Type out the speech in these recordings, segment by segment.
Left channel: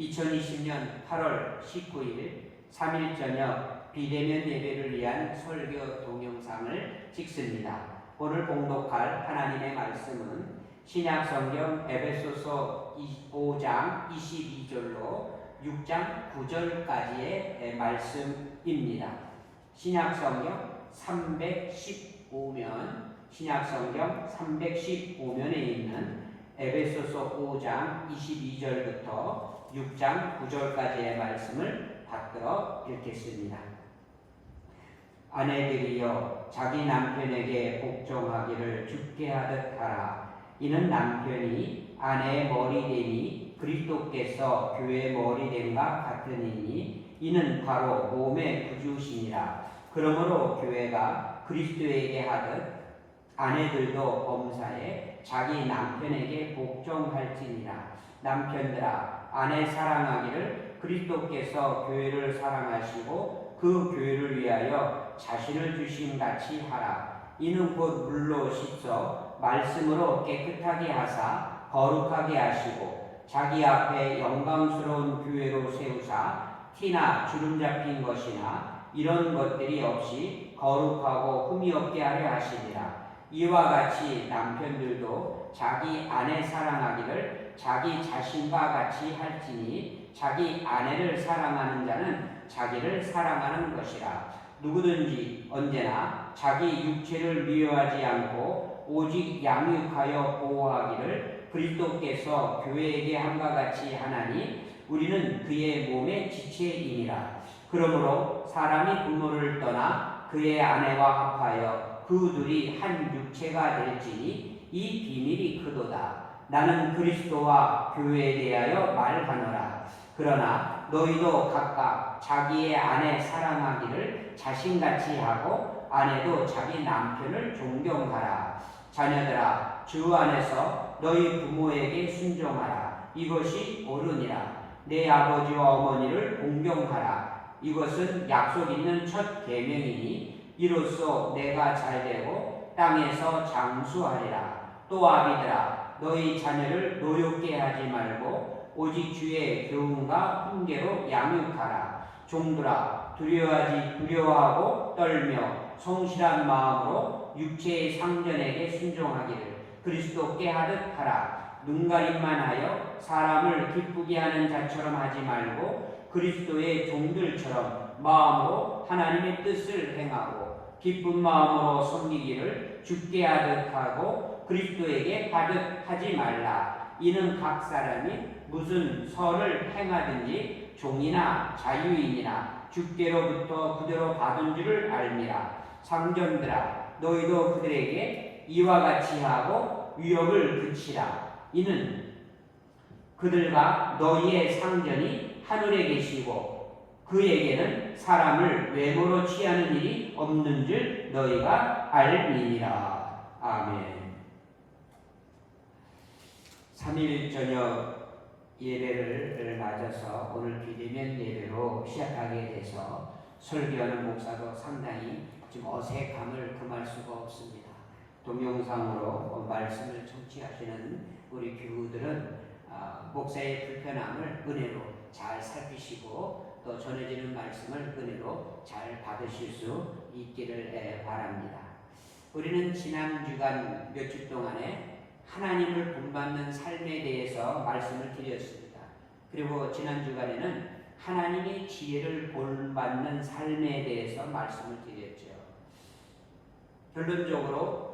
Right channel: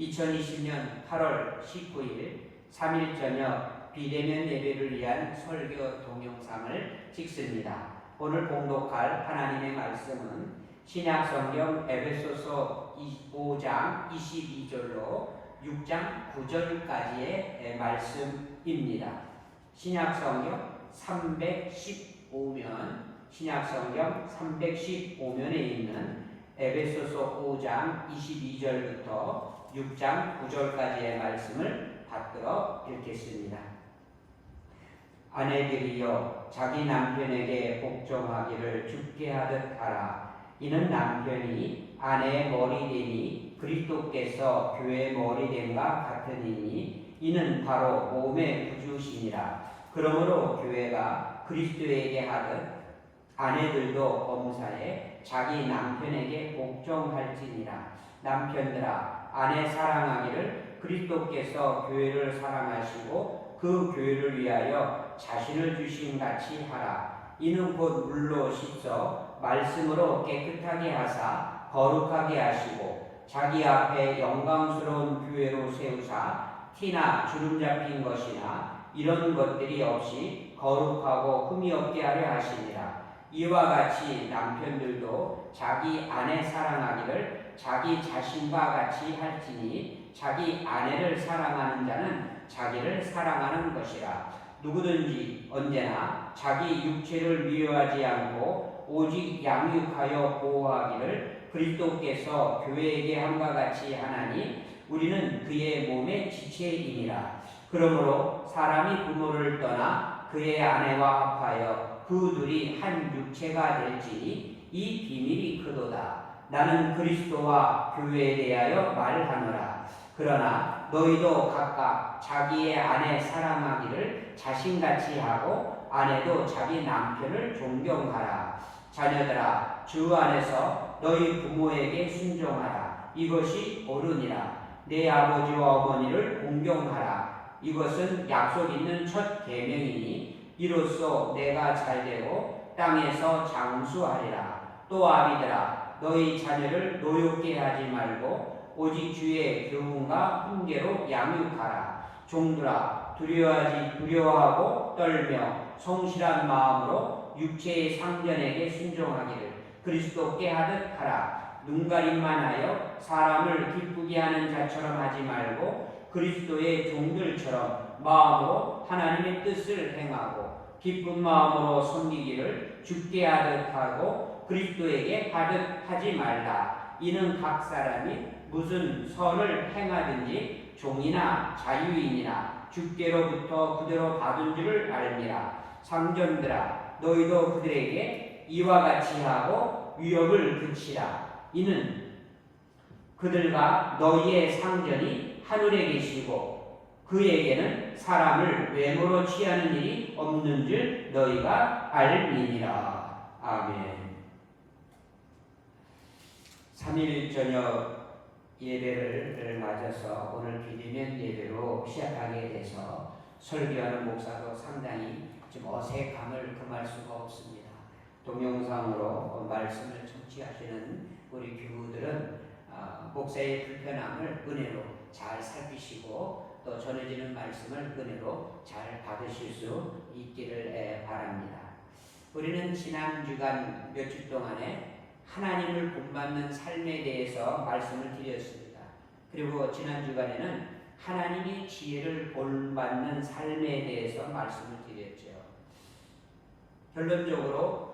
2020년 8월 19일 3일 저녁 비대면 예배를 위한 설교 동영상을 찍습니다. 오늘 봉독할 하나님의 말씀은 신약성경 에베소서 5장 22절로 6장 9절까지의 말씀입니다. 신약성경 315면에 있는 에베소서 5장 22절부터 6장 9절까지의 말씀을 받들어 읽겠습니다. 아내들이여 자기 남편에게 복종하기를 주께 하듯 하라. 이는 남편이 아내의 머리됨이 그리스도께서 교회의 머리됨과 같으니니 이는 바로 몸의 구주시니라. 그러므로 교회가 그리스도에게 하듯 아내들도 엄사에 자기 남편에게 복종할지니라. 남편들아 아내 사랑하기를 그리스도께서 교회를 사랑하시고 그 교회를 위하여 자신을 주신 같이 하라. 이는 곧 물로 씻어 말씀으로 깨끗하게 하사 거룩하게 하시고 자기 앞에 영광스러운 교회로 세우사 티나 주름 잡힌 것이나 이런 것들이 없이 거룩하고 흠이 없게 하려 하시니라. 이와 같이 남편들도 자기 아내 사랑하기를 자기 자신과 같이 할지니 자기 아내를 사랑하는 자는 자기를 사랑하는 것이라. 누구든지 언제나 자기 육체를 미워하지 않고 오직 양육하여 보호하기를 그리스도께서 교회에게 함과 같이 하나니 우리는 그의 몸의 지체이니라. 그러므로 사람이 부모를 떠나 그의 아내와 합하여 그 둘이 한 육체가 될지니 이 비밀이 크도다. 나는 그리스도와 교회에 대하여 말하노라. 그러나 너희도 각각 자기의 아내 사랑하기를 자신같이 하고 아내도 자기 남편을 존경하라. 자녀들아 주 안에서 너희 부모에게 순종하라. 이것이 옳으니라. 내 아버지와 어머니를 공경하라. 이것은 약속 있는 첫 계명이니 이로써 내가 잘되고 땅에서 장수하리라. 또 아비들아 너희 자녀를 노엽게 하지 말고 오직 주의 교훈과 훈계로 양육하라. 종들아 두려워하고 떨며 성실한 마음으로 육체의 상전에게 순종하기를 그리스도께 하듯 하라. 눈가림만 하여 사람을 기쁘게 하는 자처럼 하지 말고 그리스도의 종들처럼 마음으로 하나님의 뜻을 행하고 기쁜 마음으로 섬기기를 주께 하듯 하고 그리스도에게 하듯 하지 말라. 이는 각 사람이 무슨 선을 행하든지 종이나 자유인이나 주께로부터 그대로 받은 줄을 알미라. 상전들아 너희도 그들에게 이와 같이 하고 위협을 그치라. 이는 그들과 너희의 상전이 하늘에 계시고 그에게는 사람을 외모로 취하는 일이 없는 줄 너희가 알미니라. 아멘. 3일 저녁 예배를 맞아서 오늘 비대면 예배로 시작하게 돼서 설교하는 목사도 상당히 좀 어색함을 금할 수가 없습니다. 동영상으로 말씀을 청취하시는 우리 교우들은 목사의 불편함을 은혜로 잘 살피시고 또 전해지는 말씀을 은혜로 잘 받으실 수 있기를 바랍니다. 우리는 지난 주간 몇 주 동안에 하나님을 본받는 삶에 대해서 말씀을 드렸습니다. 그리고 지난 주간에는 하나님의 지혜를 본받는 삶에 대해서 말씀을 드렸죠. 결론적으로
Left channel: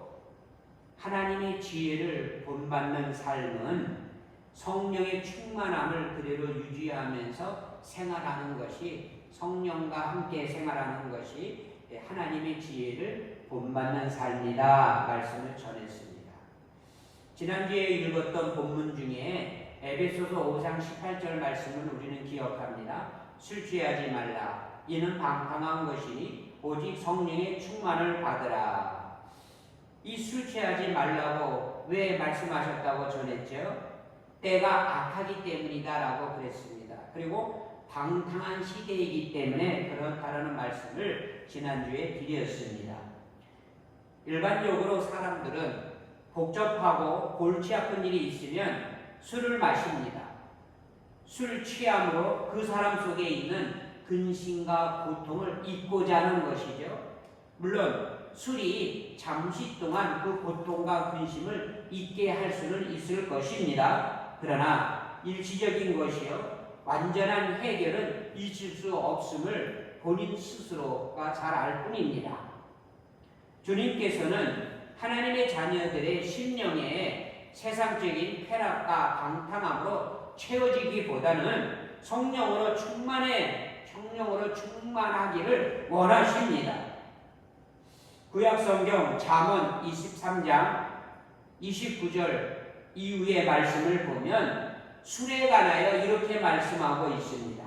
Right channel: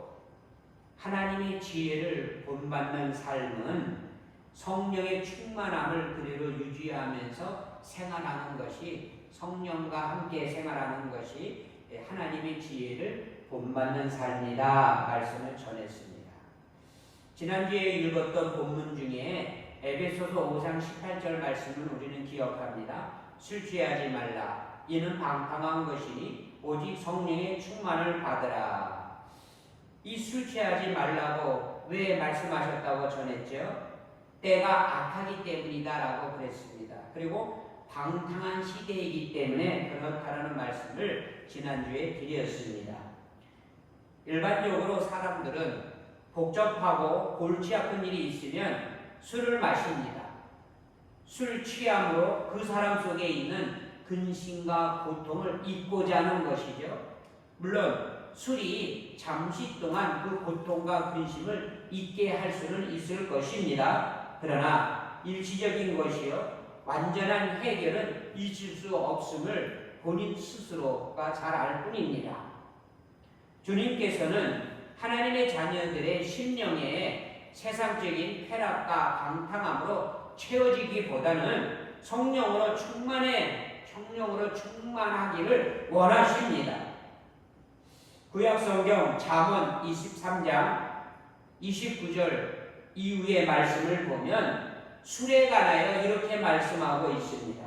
하나님의 지혜를 본받는 삶은 성령의 충만함을 그대로 유지하면서 생활하는 것이 성령과 함께 생활하는 것이 하나님의 지혜를 본받는 삶이다 말씀을 전했습니다. 지난주에 읽었던 본문 중에 에베소서 5장 18절 말씀을 우리는 기억합니다. 술 취하지 말라. 이는 방탕한 것이니 오직 성령의 충만을 받으라. 이 술 취하지 말라고 왜 말씀하셨다고 전했죠? 때가 악하기 때문이다라고 그랬습니다. 그리고 방탕한 시대이기 때문에 그렇다라는 말씀을 지난주에 드렸습니다. 일반적으로 사람들은 복잡하고 골치 아픈 일이 있으면 술을 마십니다. 술 취함으로 그 사람 속에 있는 근심과 고통을 잊고자 하는 것이죠. 물론 술이 잠시 동안 그 고통과 근심을 잊게 할 수는 있을 것입니다. 그러나 일시적인 것이요 완전한 해결은 있을 수 없음을 본인 스스로가 잘 알 뿐입니다. 주님께서는 하나님의 자녀들의 심령에 세상적인 쾌락과 방탕함으로 채워지기보다는 성령으로 충만하기를 원하십니다. 구약성경 잠언 23장 29절 이후의 말씀을 보면 술에 관하여 이렇게 말씀하고 있습니다.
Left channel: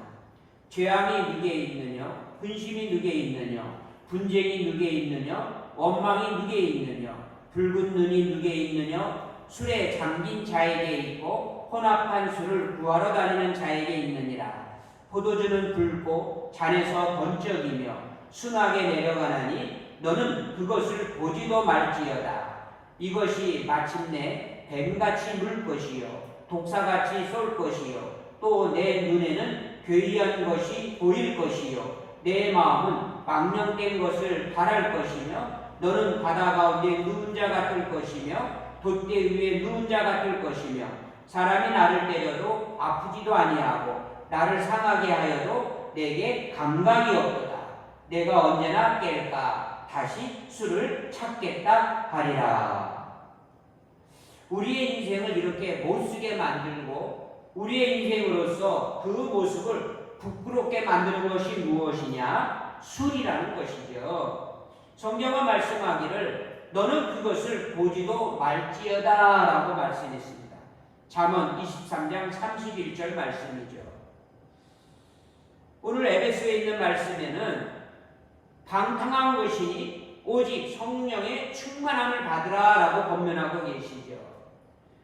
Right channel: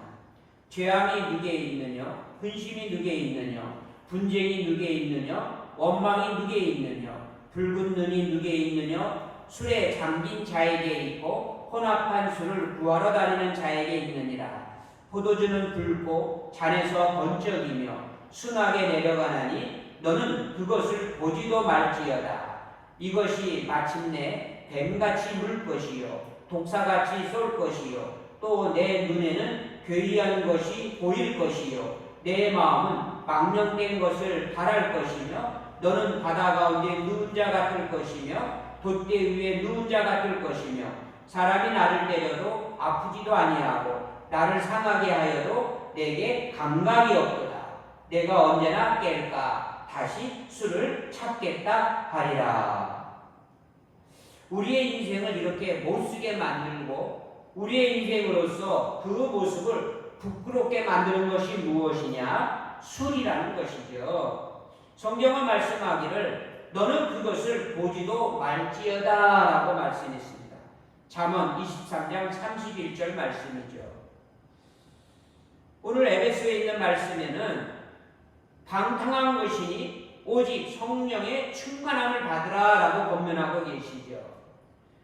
죄악이 누게 있느냐? 근심이 누게 있느냐? 분쟁이 누게 있느냐? 원망이 누게 있느냐? 붉은 눈이 누게 있느냐? 술에 잠긴 자에게 있고 혼합한 술을 구하러 다니는 자에게 있느니라. 포도주는 붉고 잔에서 번쩍이며 순하게 내려가나니 너는 그것을 보지도 말지어다. 이것이 마침내 뱀같이 물 것이요 독사같이 쏠 것이요 또 내 눈에는 괴이한 것이 보일 것이요 내 마음은 망령된 것을 바랄 것이며 너는 바다 가운데 누운 자 같을 것이며 돛대 위에 누운 자 같을 것이며 사람이 나를 때려도 아프지도 아니하고 나를 상하게 하여도 내게 감각이 없도다. 내가 언제나 깰까 다시 술을 찾겠다 하리라. 우리의 인생을 이렇게 못쓰게 만들고 우리의 인생으로서 그 모습을 부끄럽게 만드는 것이 무엇이냐? 술이라는 것이죠. 성경은 말씀하기를 너는 그것을 보지도 말지어다 라고 말씀했습니다. 잠언 23장 31절 말씀이죠. 오늘 에베소에 있는 말씀에는 방탕한 것이니 오직 성령의 충만함을 받으라 라고 권면하고 계시죠.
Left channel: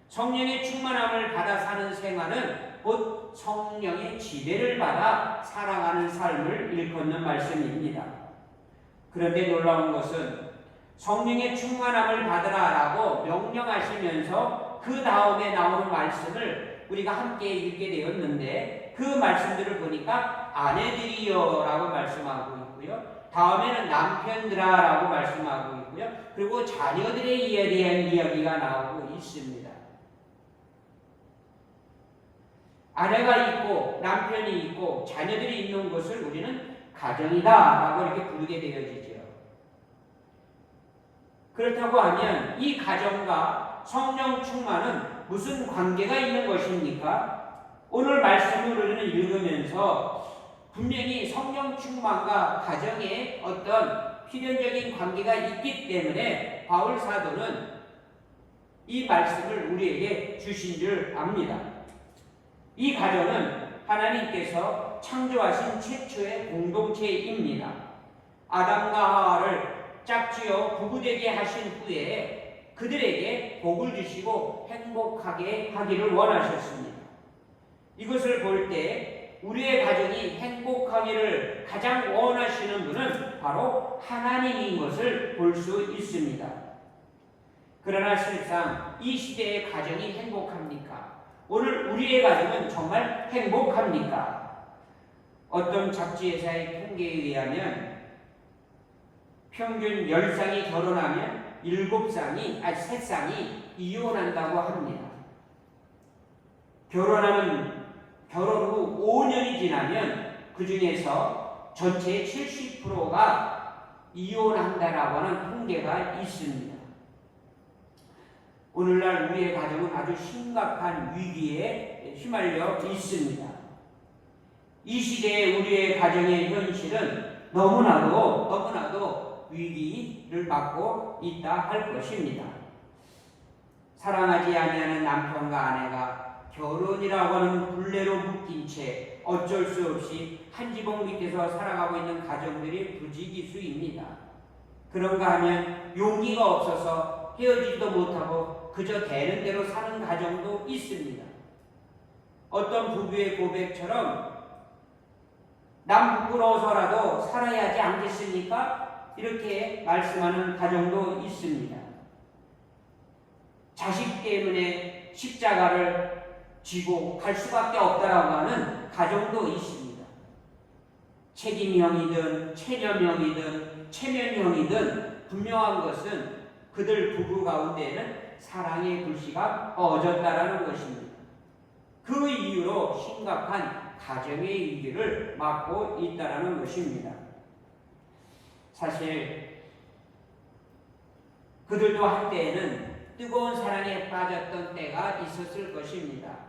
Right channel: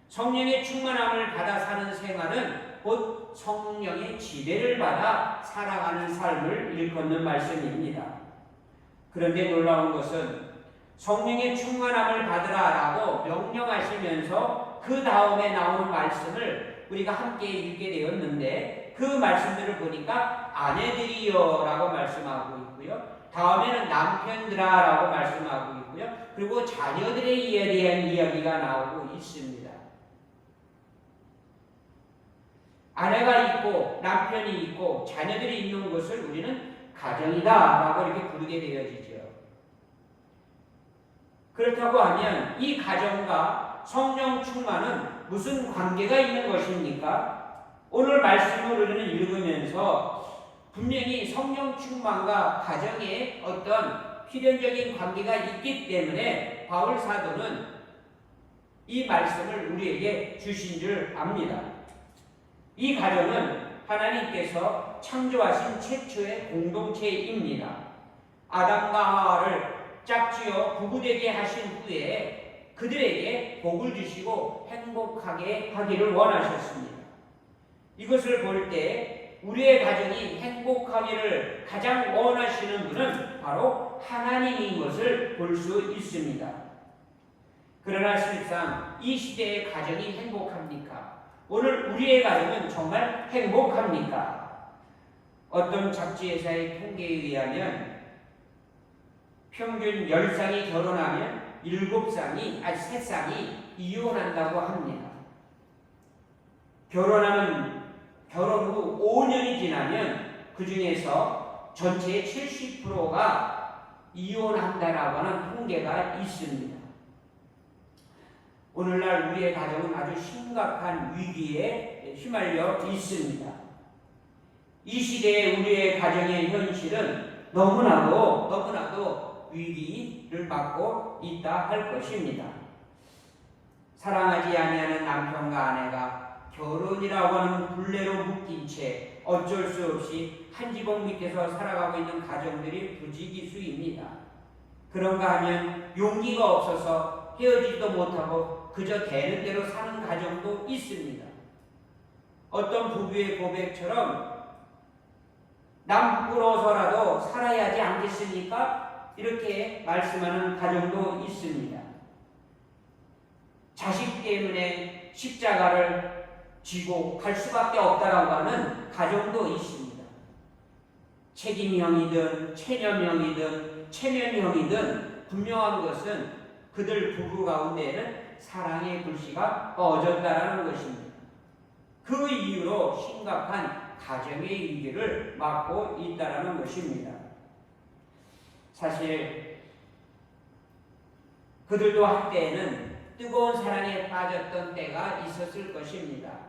성령의 충만함을 받아 사는 생활은 곧 성령의 지배를 받아 살아가는 삶을 일컫는 말씀입니다. 그런데 놀라운 것은 성령의 충만함을 받으라 라고 명령하시면서 그 다음에 나오는 말씀을 우리가 함께 읽게 되었는데 그 말씀들을 보니까 아내들이여 라고 말씀하고 있고요. 다음에는 남편들아 라고 말씀하고 있고요. 그리고 자녀들에 대한 이야기가 나오고 있습니다. 아내가 있고 남편이 있고 자녀들이 있는 것을 우리는 가정이다 라고 이렇게 부르게 되어지죠. 그렇다고 하면 이 가정과 성령 충만은 무슨 관계가 있는 것입니까? 오늘 말씀을 우리는 읽으면서 분명히 성령 충만과 가정에 어떤 필연적인 관계가 있기 때문에 바울 사도는 이 말씀을 우리에게 주신 줄 압니다. 이 가정은 하나님께서 창조하신 최초의 공동체입니다. 아담과 하와를 짝지어 부부되게 하신 후에 그들에게 복을 주시고 행복하게 하기를 원하셨습니다. 이것을 볼 때 우리의 가정이 행복하기를 가장 원하시는 분은 바로 하나님인 것을 볼 수 있습니다. 그러나 실상 이 시대의 가정이 행복합니까? 오늘 우리의 가정은 정말 행복합니까? 어떤 잡지회사의 통계에 의하면 평균 10쌍이 결혼하면 3쌍이 이혼한다고 합니다. 결혼 후 5년이 지나면 그 중에서 전체의 70%가 이혼한다라고 하는 통계가 있습니다. 오늘날 우리의 가정은 아주 심각한 위기에 휘말려 있습니다. 이 시대의 우리의 가정의 현실은 너무나도 위기를 맞고 있다 할 것입니다. 사랑하지 아니하는 남편과 아내가 결혼이라고 하는 굴레로 묶인 채 어쩔 수 없이 한 지붕 밑에서 살아가고 있는 가정들이 부지기수입니다. 그런가 하면 용기가 없어서 헤어지지도 못하고 그저 되는 대로 사는 가정도 있습니다. 어떤 부부의 고백처럼 남 부끄러워서라도 살아야 하지 않겠습니까? 이렇게 말씀하는 가정도 있습니다. 자식 때문에 십자가를 지고 갈 수밖에 없다라고 하는 가정도 있습니다. 책임형이든 체념형이든 체면형이든 분명한 것은 그들 부부 가운데에는 사랑의 불씨가 꺼졌다라는 것입니다. 그 이유로 심각한 가정의 위기를 맞고 있다라는 것입니다. 사실 그들도 한때에는 뜨거운 사랑에 빠졌던 때가 있었을 것입니다.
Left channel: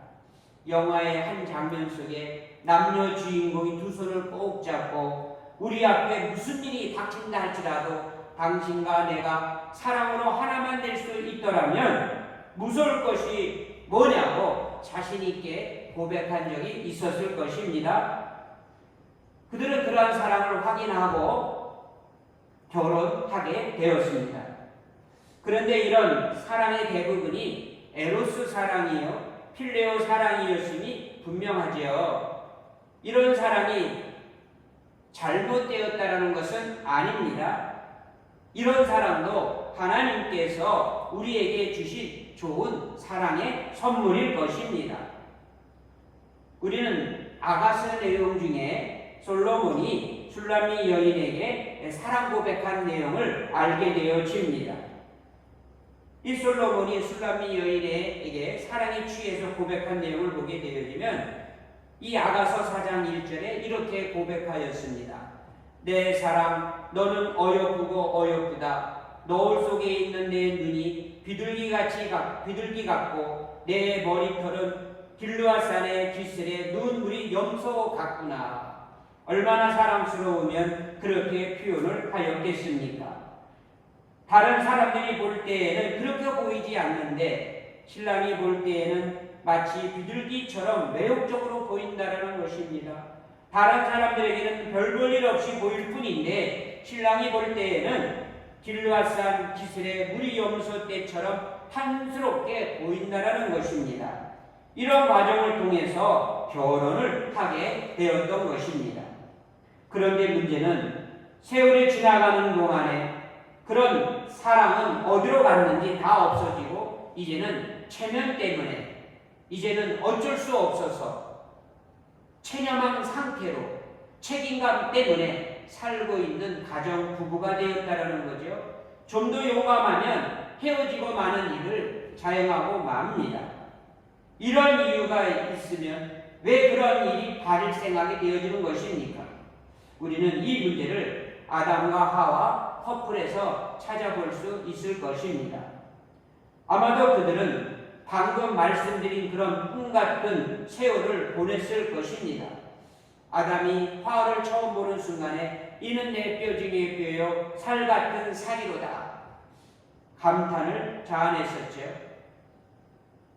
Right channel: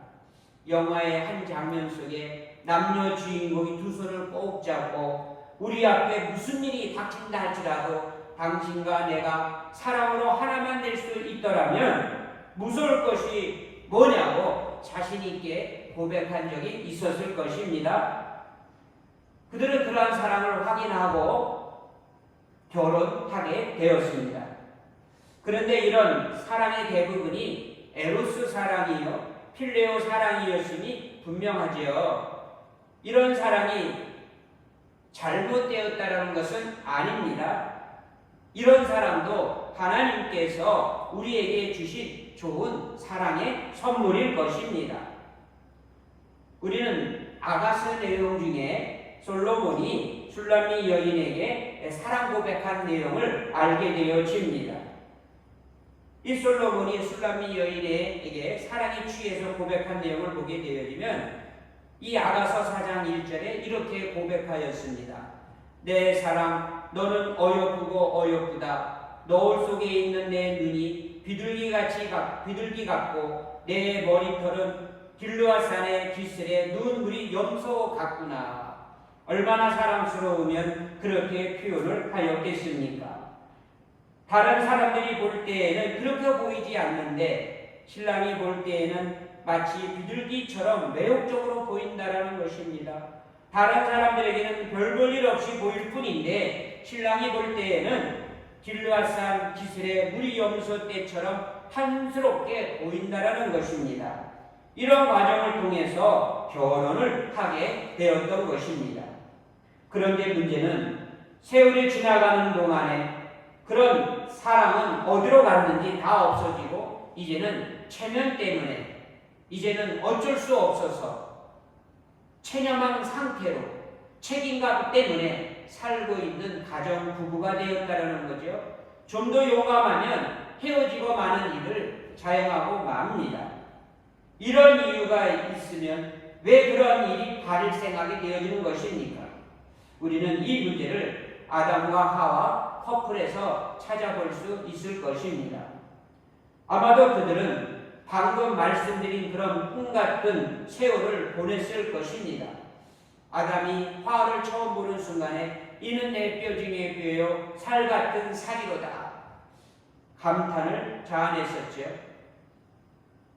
영화의 한 장면 속에 남녀 주인공이 두 손을 꼭 잡고 우리 앞에 무슨 일이 닥친다 할지라도 당신과 내가 사랑으로 하나만 될 수 있더라면 무서울 것이 뭐냐고 자신 있게 고백한 적이 있었을 것입니다. 그들은 그러한 사랑을 확인하고 결혼하게 되었습니다. 그런데 이런 사랑의 대부분이 에로스 사랑이요 필레오 사랑이었음이 분명하지요. 이런 사랑이 잘못되었다라는 것은 아닙니다. 이런 사랑도 하나님께서 우리에게 주신 좋은 사랑의 선물일 것입니다. 우리는 아가서 내용 중에 솔로몬이 슐라미 여인에게 사랑 고백한 내용을 알게 되어집니다. 이 솔로몬이 슐라미 여인에게 사랑에 취해서 고백한 내용을 보게 되어지면 이 아가서 4장 1절에 이렇게 고백하였습니다. 내 사랑 너는 어여쁘고 어여쁘다. 노을 속에 있는 내 눈이 비둘기 같고 내 머리털은 길르앗산의 기슬에 눈물이 염소 같구나. 얼마나 사랑스러우면 그렇게 표현을 하였겠습니까? 다른 사람들이 볼 때에는 그렇게 보이지 않는데 신랑이 볼 때에는 마치 비둘기처럼 매혹적으로 보인다라는 것입니다. 다른 사람들에게는 별 볼 일 없이 보일 뿐인데 신랑이 볼 때에는 길르앗산 기슬의 물이 염소 떼처럼 탐스럽게 보인다라는 것입니다. 이런 과정을 통해서 결혼을 하게 되었던 것입니다. 그런데 문제는 세월이 지나가는 동안에 그런 사랑은 어디로 갔는지 다 없어지고 이제는 체면 때문에 이제는 어쩔 수 없어서 체념한 상태로 책임감 때문에 살고 있는 가정 부부가 되었다는 거죠. 좀 더 용감하면 헤어지고 마는 일을 자행하고 맙니다. 이런 이유가 있으면 왜 그런 일이 발생하게 되어지는 것입니까? 우리는 이 문제를 아담과 하와 커플에서 찾아볼 수 있을 것입니다. 아마도 그들은 방금 말씀드린 그런 꿈 같은 세월을 보냈을 것입니다. 아담이 하와를 처음 보는 순간에 이는 내 뼈 중에 뼈요 살 같은 살이로다 감탄을 자아냈었죠.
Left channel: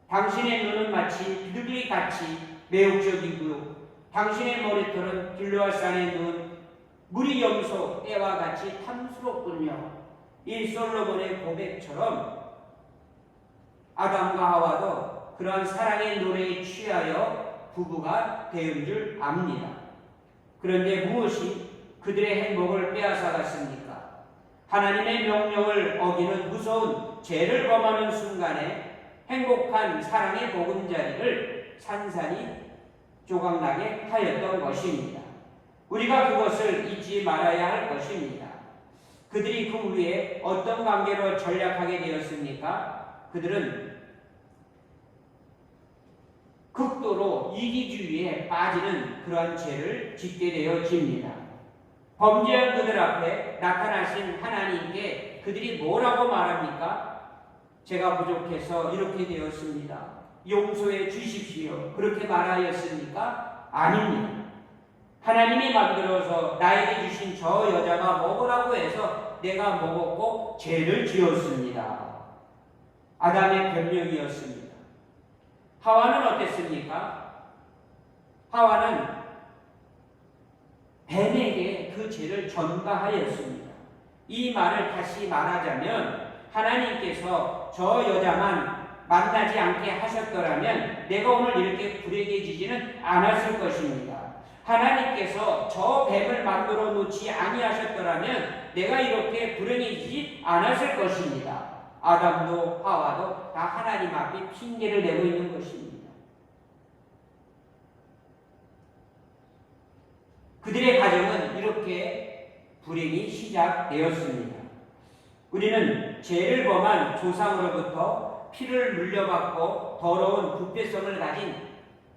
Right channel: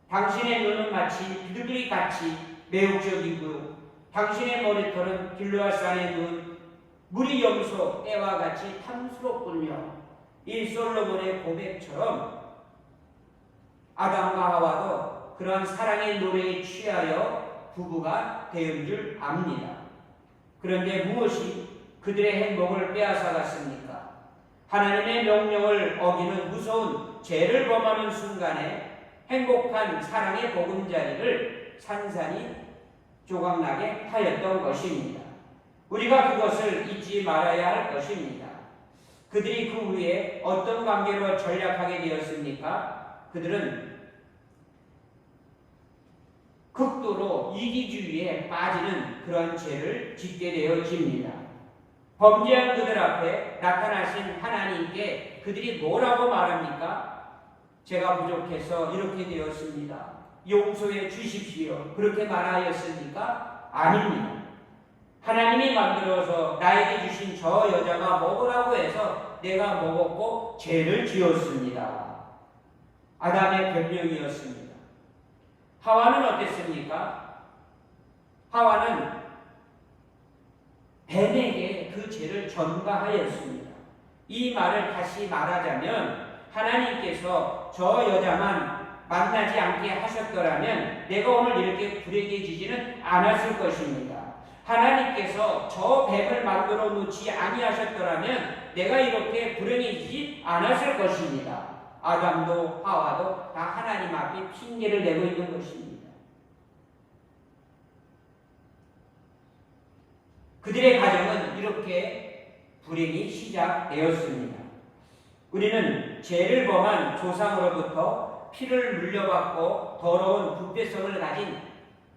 당신의 눈은 마치 비둘기 같이 매혹적이고 당신의 머리털은 길르앗산의 눈 물이 염소 때와 같이 탐스럽군요. 이 솔로몬의 고백처럼 아담과 하와도 그런 사랑의 노래에 취하여 부부가 되은 줄 압니다. 그런데 무엇이 그들의 행복을 빼앗아갔습니까? 하나님의 명령을 어기는 무서운 죄를 범하는 순간에 행복한 사랑의 보금자리를 산산이 조각나게 하였던 것입니다. 우리가 그것을 잊지 말아야 할 것입니다. 그들이 그 후에 어떤 관계로 전락하게 되었습니까? 그들은 극도로 이기주의에 빠지는 그런 죄를 짓게 되어집니다. 범죄한 그들 앞에 나타나신 하나님께 그들이 뭐라고 말합니까? 제가 부족해서 이렇게 되었습니다. 용서해 주십시오. 그렇게 말하였습니까? 아닙니다. 하나님이 만들어서 나에게 주신 저 여자가 먹으라고 해서 내가 먹었고 죄를 지었습니다. 아담의 변명이었습니다. 하와는 어땠습니까? 하와는 뱀에게 그 죄를 전가하였습니다. 이 말을 다시 말하자면 하나님께서 저 여자만 만나지 않게 하셨더라면 내가 오늘 이렇게 불행해지지는 않았을 것입니다. 하나님께서 저 뱀을 만들어 놓지 아니하셨더라면 내가 이렇게 불행해지지 않았을 것입니다. 아담도 하와도 다 하나님 앞에 핑계를 내고 있는 것입니다. 그들의 가정은 이렇게 불행이 시작되었습니다. 우리는 죄를 범한 조상으로부터 피를 물려받고 더러운 부패성을 가진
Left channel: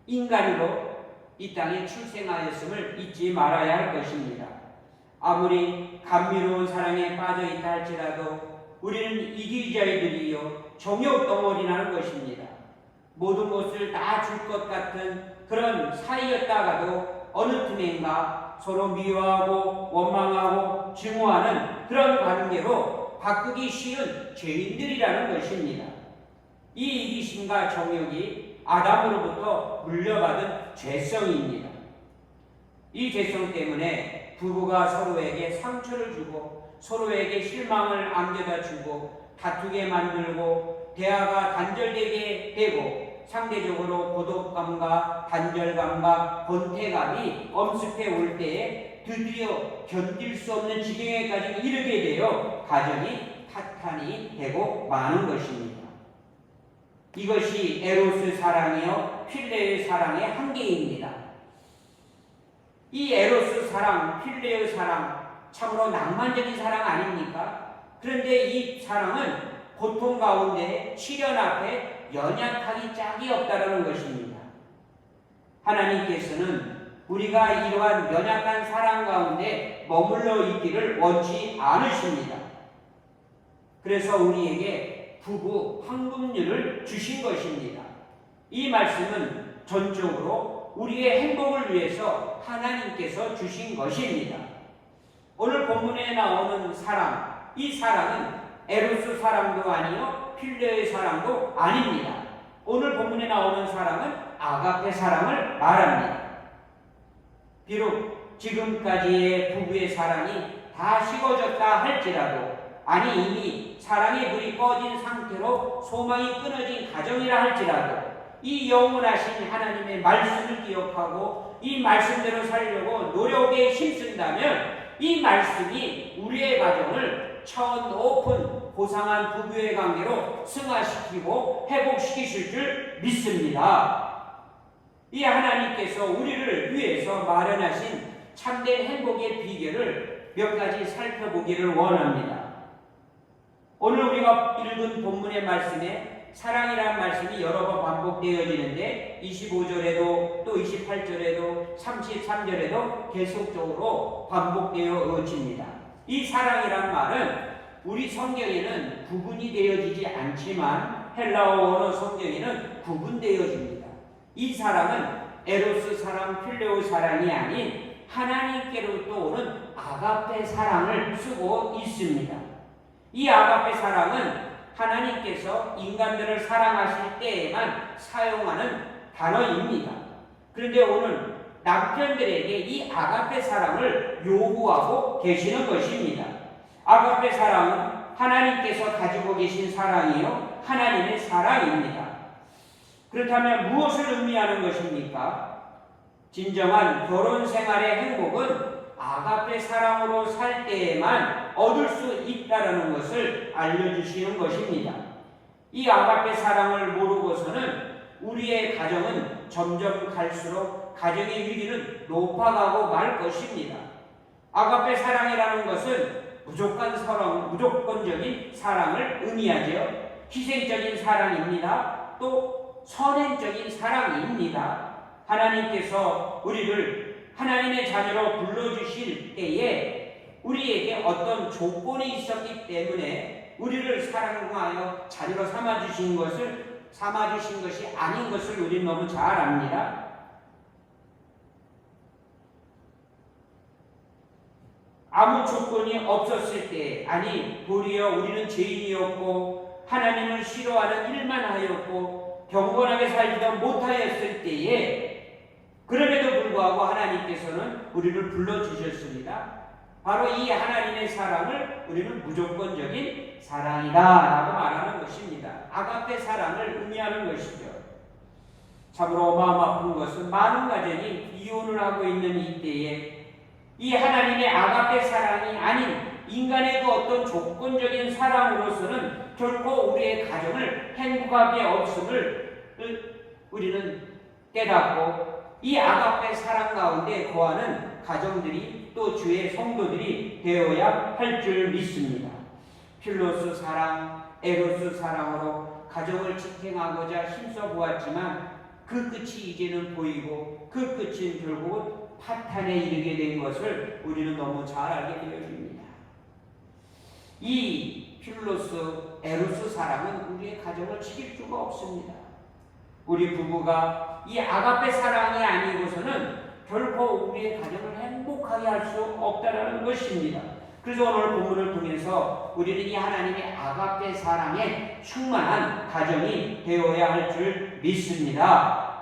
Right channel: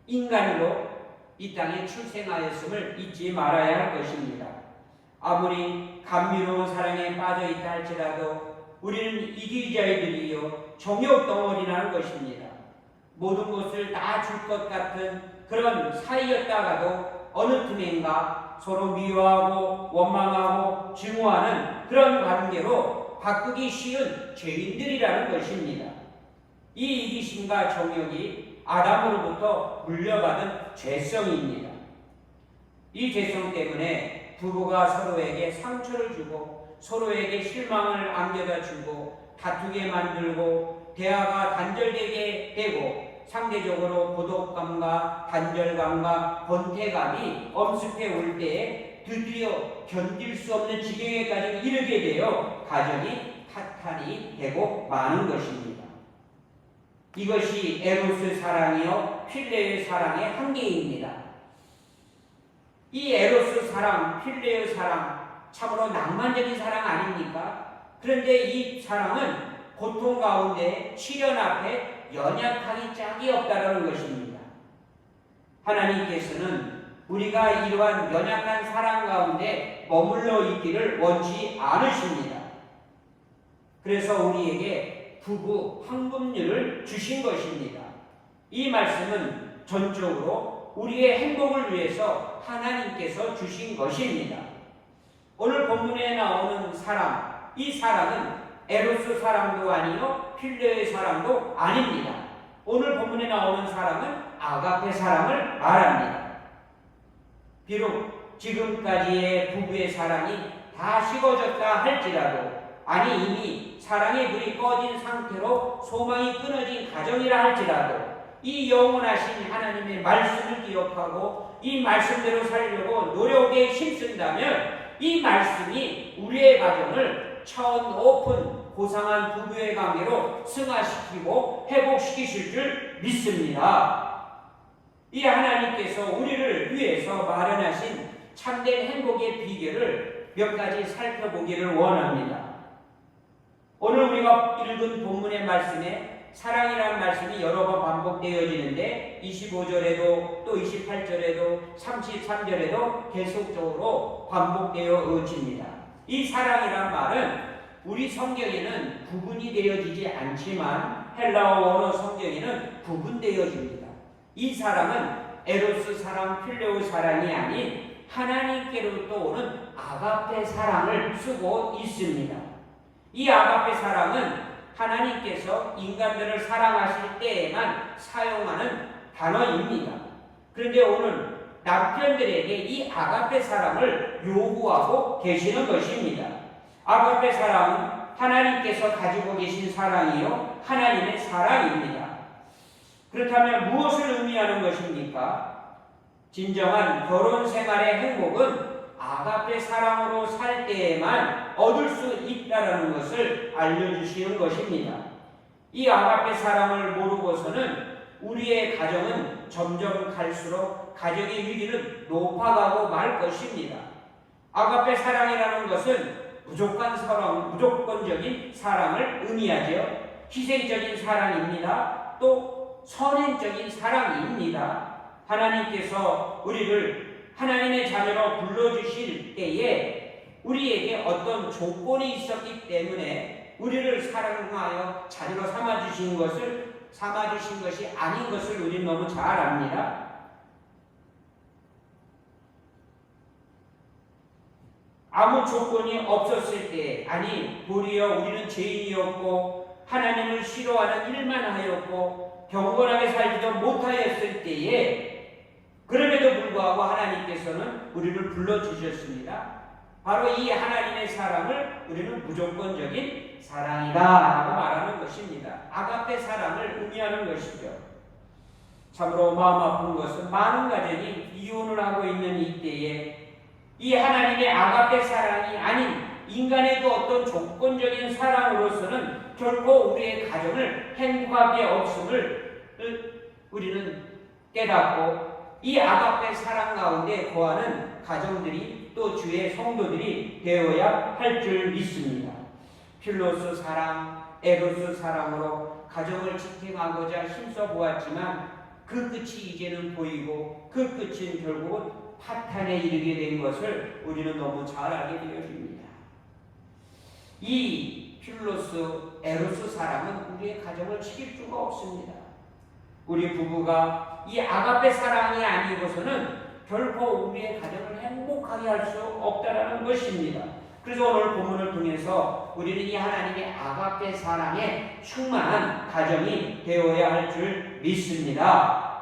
인간으로 이 땅에 출생하였음을 잊지 말아야 할 것입니다. 아무리 감미로운 사랑에 빠져 있다 할지라도 우리는 이기자들이요 정욕 덩어리라는 것입니다. 모든 것을 다 줄 것 같은 그런 사이였다가도 어느 틈엔가 서로 미워하고 원망하고 증오하는 그런 관계로 바꾸기 쉬운 죄인들이라는 것입니다. 이 이기심과 정욕이 아담으로부터 물려받은 죄성입니다. 이 죄성 때문에 부부가 서로에게 상처를 주고 서로에게 실망을 안겨다 주고 다투게 만들고 대화가 단절되게 되고 상대적으로 고독감과 단절감과 권태감이 엄습해 올 때에 드디어 견딜 수 없는 지경에까지 이르게 되어 가정이 파탄이 되고 마는 것입니다. 이것이 에로스 사랑이요 필레의 사랑의 한계입니다. 이 에로스 사랑, 필레의 사랑 참으로 낭만적인 사랑 아닙니까? 그런데 이 사랑은 고통 가운데 시련 앞에 연약하기 짝이 없다는 것입니다. 하나님께서는 우리가 이러한 연약한 사랑 가운데 머물러 있기를 원치 않으십니다. 그래서 우리에게 부부 황금률을 주신 것입니다. 이 말씀은 전적으로 우리의 행복을 위해서 하나님께서 주신 것입니다. 오늘 본문에 나오는 사랑, 이 사랑은 에로스 사랑도 아니요 필레의 사랑도 아닙니다. 오늘 본문에 나오는 사랑은 아가페 사랑을 말합니다. 비록 지금까지의 부부의 사랑이 다 식어졌다 할지라도, 아니 이미 사랑의 불이 꺼진 상태로 소망이 끊어진 가정이라 할지라도 이 영원하신 하나님의 말씀을 기억하고 이 말씀대로 살려고 노력에 힘쓴다면 이 말씀이 우리의 가정을 처음 오픈 고상한 부부의 관계로 승화시키고 회복시키실 줄 믿습니다. 이 하나님께서 우리를 위해서 마련하신 참된 행복의 비결을 몇 가지 살펴보기를 원합니다. 오늘 우리가 읽은 본문의 말씀에 사랑이라는 말씀이 여러 번 반복되어지는데 25절에도 또 28절에도 33절에도 계속적으로 반복되어집니다. 이 사랑이란 말은 우리 성경에는 구분이 되어지지 않지만 헬라어 원어 성경에는 구분되어집니다. 이 사랑은 에로스 사랑, 필레오 사랑이 아닌 하나님께로부터 오는 아가페 사랑을 쓰고 있습니다. 이 아가페 사랑은 하나님께서 인간들을 사랑하실 때에만 사용하는 단어입니다. 그런데 오늘 남편들에게 이 아가페 사랑을 요구하고 계시는 것입니다. 아가페 사랑은 하나님께서 가지고 계신 사랑이요 하나님의 사랑입니다. 그렇다면 무엇을 의미하는 것입니까? 진정한 결혼 생활의 행복은 아가페 사랑으로 살 때에만 얻을 수 있다는 것을 알려주시는 것입니다. 이 아가페 사랑을 모르고서는 우리의 가정은 점점 갈수록 가정의 위기는 높아가고 말 것입니다. 아가페 사랑이라는 것은 무조건적인 사랑을 의미하죠. 희생적인 사랑입니다. 또 선행적인 사랑입니다. 하나님께서 우리를 하나님의 자녀로 불러주실 때에 우리에게 어떤 조건이 있었기 때문에 우리를 사랑하여 자녀로 삼아주신 것이 아닌 것을 우리는 너무 잘 압니다. 아무 조건이 없었을 때, 아니 도리어 우리는 죄인이었고 하나님을 싫어하는 일만 하였고 경건하게 살지도 못하였을 때에 그럼에도 불구하고 하나님께서는 우리를 불러주셨습니다. 바로 이 하나님의 사랑을 우리는 무조건적인 사랑이다 라고 말하는 것입니다. 아가페 사랑을 의미하는 것이죠. 참으로 마음 아픈 것은 많은 가정이 이혼을 하고 있는 이때에 이 하나님의 아가페 사랑이 아닌 인간의 그 어떤 조건적인 사랑으로서는 결코 우리의 가정을 행복하게 없음을 우리는 깨닫고 이 아가페 사랑 가운데 거하는 가정들이 또 주의 성도들이 되어야 할 줄 믿습니다. 필로스 사랑, 에로스 사랑으로 가정을 지탱하고자 힘써 보았지만 그 끝이 이제는 보이고 그 끝은 결국은 파탄에 이르게 된 것을 우리는 너무 잘 알게 되어집니다. 이 필로스, 에로스 사랑은 우리의 가정을 지킬 수가 없습니다. 우리 부부가 이 아가페 사랑이 아니고서는 결코 우리의 가정을 행복하게 할 수 없다는 것입니다. 그래서 오늘 본문을 통해서 우리는 이 하나님의 아가페 사랑에 충만한 가정이 되어야 할 줄 믿습니다.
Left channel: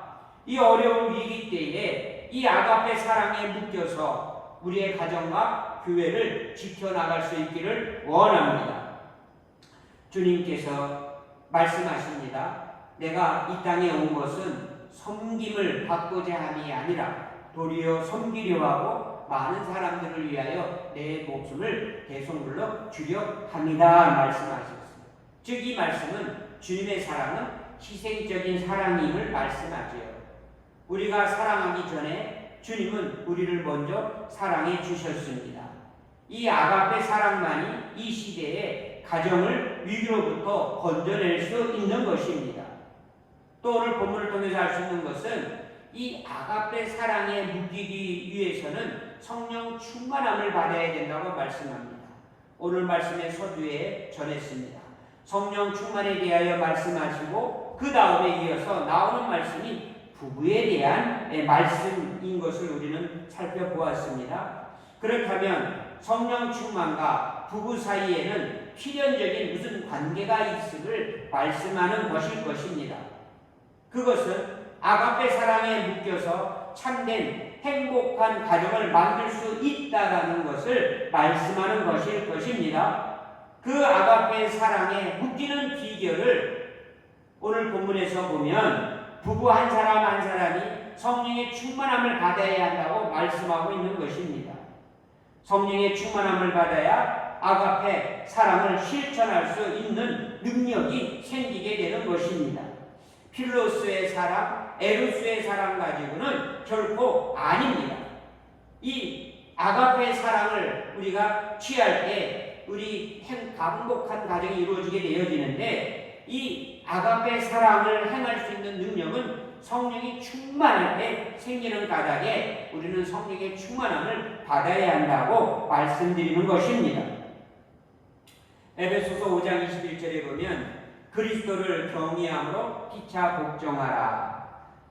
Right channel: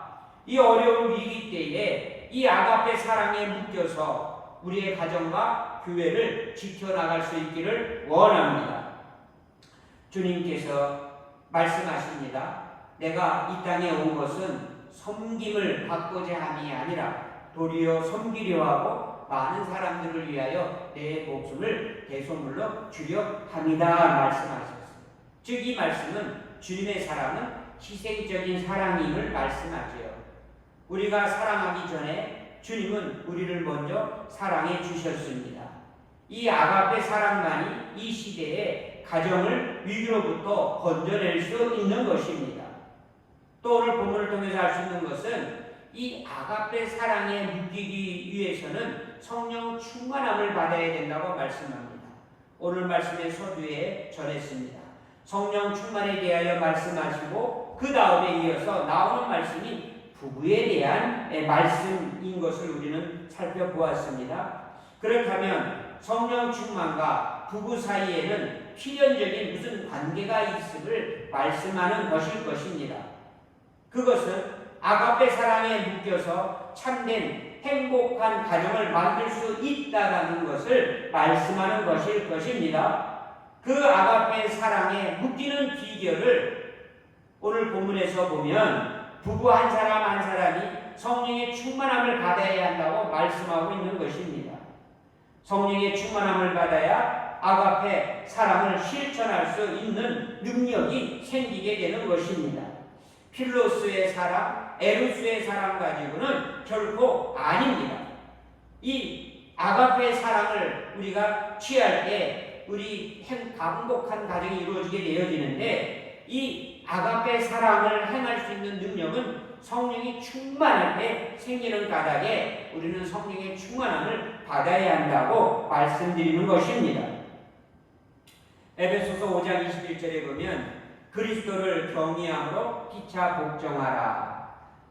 이 어려운 위기 때에 이 아가페 사랑에 묶여서 우리의 가정과 교회를 지켜나갈 수 있기를 원합니다. 주님께서 말씀하십니다. 내가 이 땅에 온 것은 섬김을 받고자 함이 아니라 도리어 섬기려 하고 많은 사람들을 위하여 내 목숨을 대속물로 주려 합니다. 말씀하셨어요. 즉 이 말씀은 주님의 사랑은 희생적인 사랑임을 말씀하지요. 우리가 사랑하기 전에 주님은 우리를 먼저 사랑해 주셨습니다. 이 아가페 사랑만이 이 시대에 가정을 위기로부터 건져낼 수 있는 것입니다. 또 오늘 본문을 통해서 알 수 있는 것은 이 아가페 사랑에 묶이기 위해서는 성령 충만함을 받아야 된다고 말씀합니다. 오늘 말씀의 서두에 전했습니다. 성령 충만에 대하여 말씀하시고 그 다음에 이어서 나오는 말씀이 부부에 대한 말씀인 것을 우리는 살펴보았습니다. 그렇다면 성령 충만과 부부 사이에는 필연적인 무슨 관계가 있음을 말씀하는 것일 것입니다. 그것은 아가페 사랑에 묶여서 참된 행복한 가정을 만들 수 있다라는 것을 말씀하는 것일 것입니다. 그 아가페 사랑에 묶이는 비결을 오늘 본문에서 보면 부부 한 사람 한 사람이 성령의 충만함을 받아야 한다고 말씀하고 있는 것입니다. 성령의 충만함을 받아야 아가페 사랑을 실천할 수 있는 능력이 생기게 되는 것입니다. 필로스의 사랑, 에루스의 사랑 가지고는 결코 아닙니다. 이 아가페 사랑을 우리가 취할 때 우리 행복한 가정이 이루어지게 되어지는데 이 아가페 사랑을 행할 수 있는 능력은 성령이 충만할 때 생기는 까닭에 우리는 성령의 충만함을 받아야 한다고 말씀드리는 것입니다. 에베소서 5장 21절에 보면 그리스도를 경외함으로 피차 복종하라.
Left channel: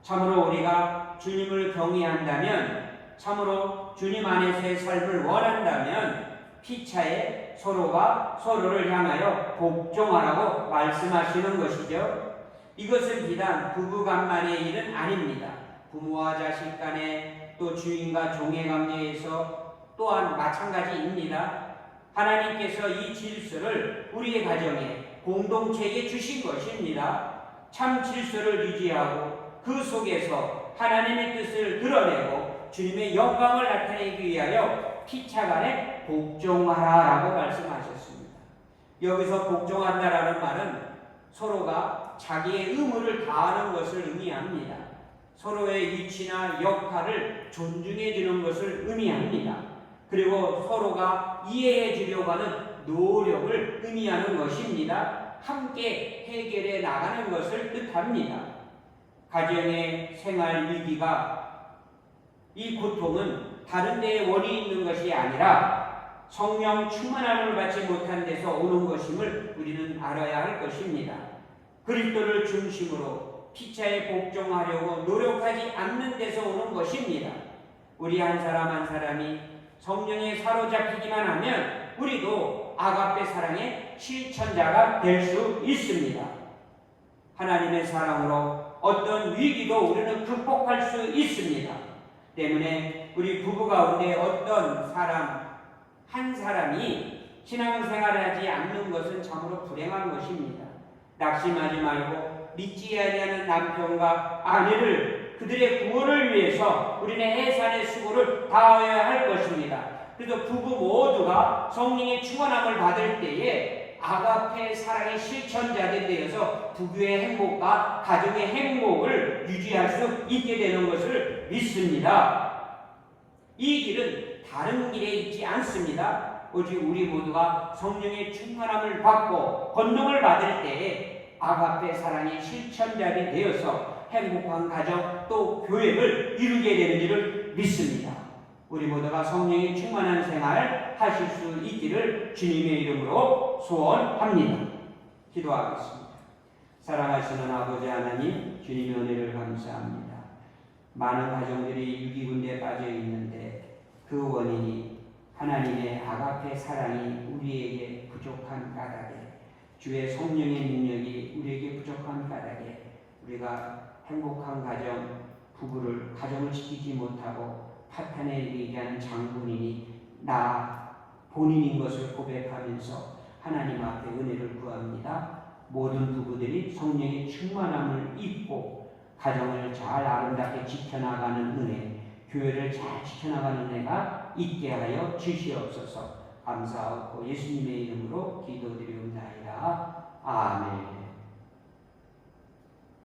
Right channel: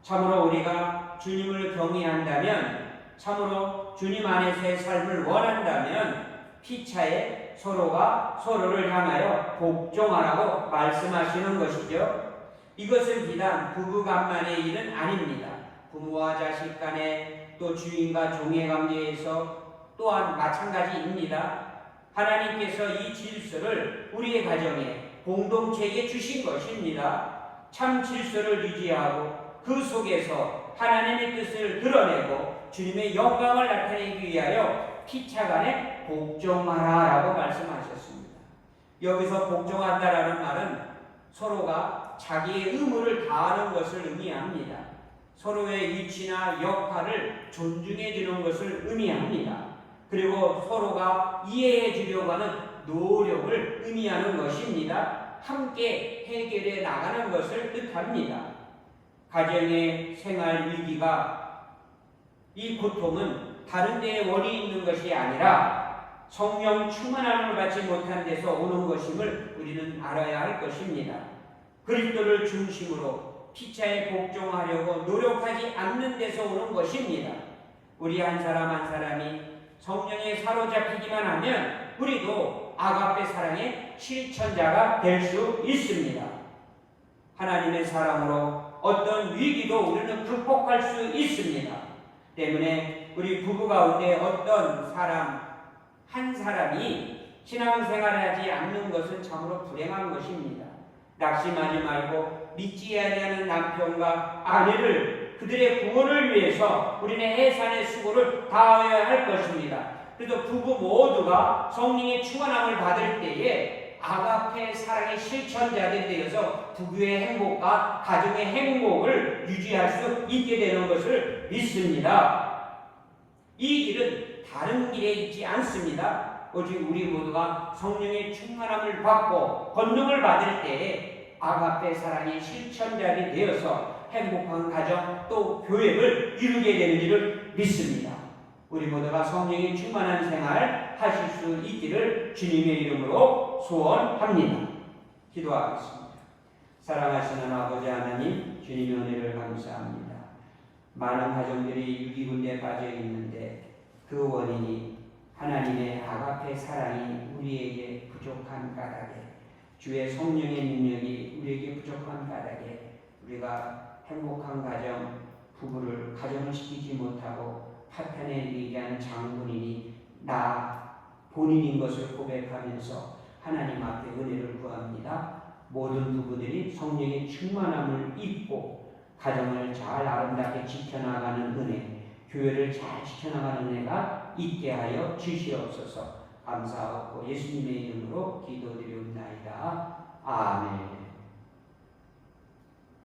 참으로 우리가 주님을 경외한다면, 참으로 주님 안에서의 삶을 원한다면 피차에 서로가 서로를 향하여 복종하라고 말씀하시는 것이죠. 이것은 비단 부부간만의 일은 아닙니다. 부모와 자식 간에 또 주인과 종의 관계에서 또한 마찬가지입니다. 하나님께서 이 질서를 우리의 가정에 공동체에게 주신 것입니다. 참 질서를 유지하고 그 속에서 하나님의 뜻을 드러내고 주님의 영광을 나타내기 위하여 피차간에 복종하라라고 말씀하셨습니다. 여기서 복종한다라는 말은 서로가 자기의 의무를 다하는 것을 의미합니다. 서로의 위치나 역할을 존중해 주는 것을 의미합니다. 그리고 서로가 이해해 주려고 하는 노력을 의미하는 것입니다. 함께 해결해 나가는 것을 뜻합니다. 가정의 생활 위기가 이 고통은 다른 데에 원인이 있는 것이 아니라 성령 충만함을 받지 못한 데서 오는 것임을 우리는 알아야 할 것입니다. 그리스도를 중심으로 피차에 복종하려고 노력하지 않는 데서 오는 것입니다. 우리 한 사람 한 사람이 성령에 사로잡히기만 하면 우리도 아가페 사랑의 실천자가 될 수 있습니다. 하나님의 사랑으로 어떤 위기도 우리는 극복할 수 있습니다. 때문에 우리 부부 가운데 어떤 사람 한 사람이 신앙생활을 하지 않는 것은 참으로 불행한 것입니다. 낙심하지 말고 믿지 아니하는 남편과 아내를 그들의 구원을 위해서 우리는 해산의 수고를 다해야 할 것입니다. 그래서 부부 모두가 성령의 충만함을 받을 때에 아가페 사랑의 실천자들이 되어서 부부의 행복과 가족의 행복을 유지할 수 있게 되는 것을 믿습니다. 이 길은 다른 길에 있지 않습니다. 오직 우리 모두가 성령의 충만함을 받고 권능을 받을 때에 아가페 사랑의 실천자가 되어서 행복한 가정 또 교회를 이루게 되는 줄을 믿습니다. 우리 모두가 성령의 충만한 생활 하실 수 있기를 주님의 이름으로 소원합니다. 기도하겠습니다. 사랑하시는 아버지 하나님, 주님의 은혜를 감사합니다. 많은 가정들이 유기군대에 빠져 있는데 그 원인이 하나님의 아가페 사랑이 우리에게 부족한 까닭에, 주의 성령의 능력이 우리에게 부족한 까닭에 우리가 행복한 가정, 부부를 가정을 지키지 못하고 파탄에 얘기하는 장본인이 나 본인인 것을 고백하면서 하나님 앞에 은혜를 구합니다. 모든 부부들이 성령의 충만함을 입고 가정을 잘 아름답게 지켜나가는 은혜, 교회를 잘 지켜나가는 은혜가 있게 하여 주시옵소서. 감사하고 예수님의 이름으로 기도드리옵나이다.